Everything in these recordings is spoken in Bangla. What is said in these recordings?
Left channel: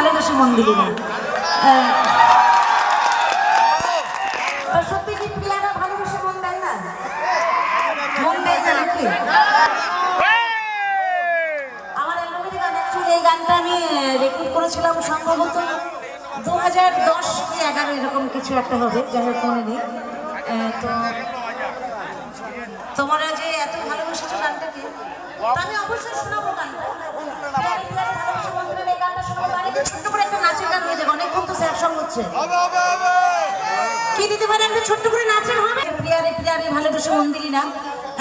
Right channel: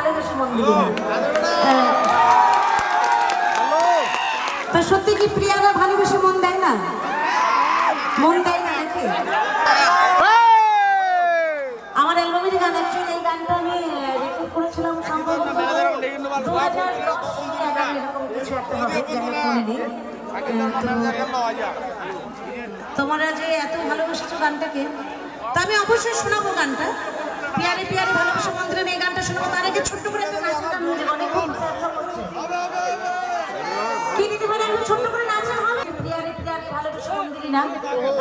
ভালোবেসে মন দিলি না। তো সত্যি কি প্রিয়ারা ভালোবেসে মন দেয় না? মন দেয় না নাকি? আমার অ্যালবামের গান, অ্যাকচুয়ালি এই গানটা আমি রেকর্ড করেছিলাম সম্ভবত 2010-11 এরকম কিছু একটা হবে, যাই হোক মনে নেই। তো তোমরা যে এত ভালোবেসেছো গানটাকে, তা আমি অবশ্যই শোনাবো গানটা। পিয়ারে পিয়ারে ভালোবাসা মন্দিরের এই গানটা শোনাবো। তার আগে ছোট্ট করে একটা নাচের গান হয়ে যাবে, অনেকক্ষণ তো স্যার সঙ্গ হচ্ছে। কি দিতে পারে একটা ছোট্ট করে নাচের হবে? পিয়ারে পিয়ারে ভালোবাসা মন্দিরই না,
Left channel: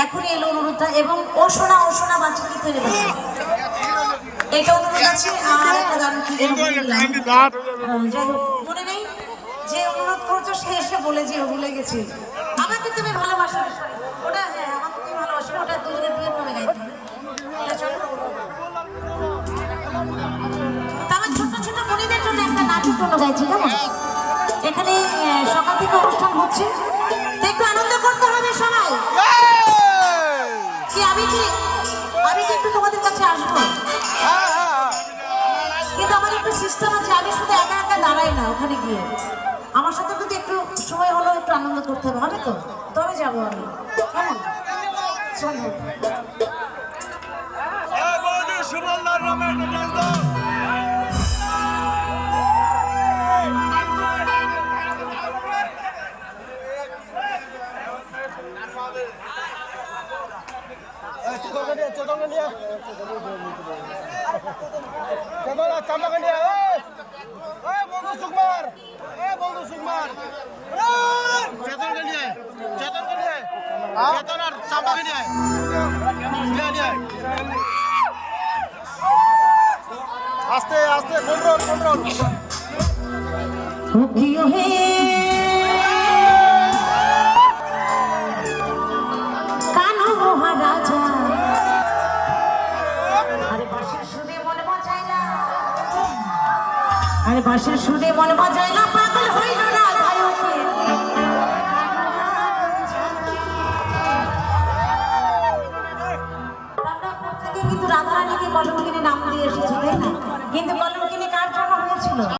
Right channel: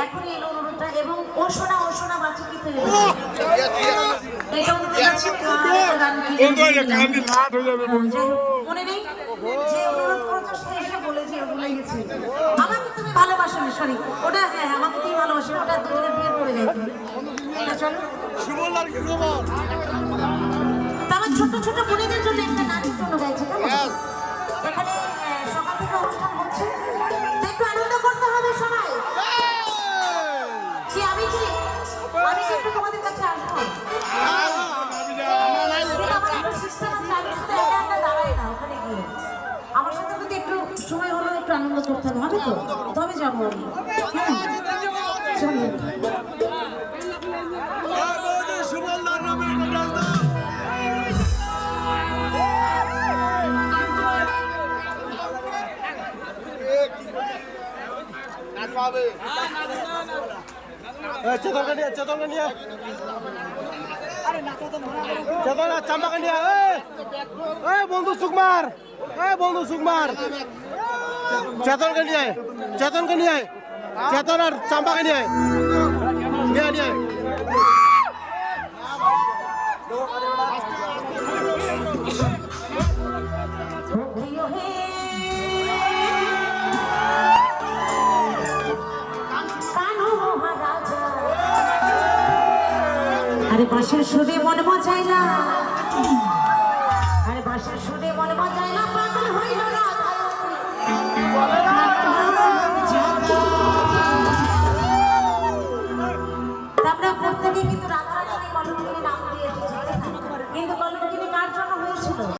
এখনই এলো অনুরোধটা। এবং ও শোনা বাঁচা কি তৈরি এটা অনুরোধ আছে। আর একটা গান কি যাই হোক মনে নেই, যে অনুরোধ করেছো সে এসে বলে যে ভুলে গেছি। আমাকে তুমি ভালোবাসো না, সরি ওটা, হ্যাঁ আমাকে তুমি ভালোবাসো, ওটা দুজনে দুজন করে গাইতে। চলো আমার ছোট ছোট বোনেদের জন্য একটা নাচের জন্য গাইছি, কেমন? এখানে সকাল থেকে অনুষ্ঠান হচ্ছে, একটু আনন্দ করতে হবে সবাই। কি আমি কি একটু তোমাদের কাছে আসবো, কিন্তু আমার একটা সিস্টেম আছে, আমি শুধু একা একা দাঁড়াই না ওখানে গিয়ে। আমার সাথে কিন্তু একটু সময় হলেও একটু আনন্দ করতে হবে তো, তবে যাবো আমি, কেমন? চলো সুবলদার নামে একটা ডান্স দাও। চেতন চাম্পাকে নিয়ে বন্ধু সুকুমার, চেতনকে নিয়ে চেতন আর চাম্পাকে নিয়ে আস্তে আস্তে কন্ট্রোল বাঁশের সুরে মন মজাইলা, আরে বাঁশের সুরে মন মজাইলা, পাগল হইল না।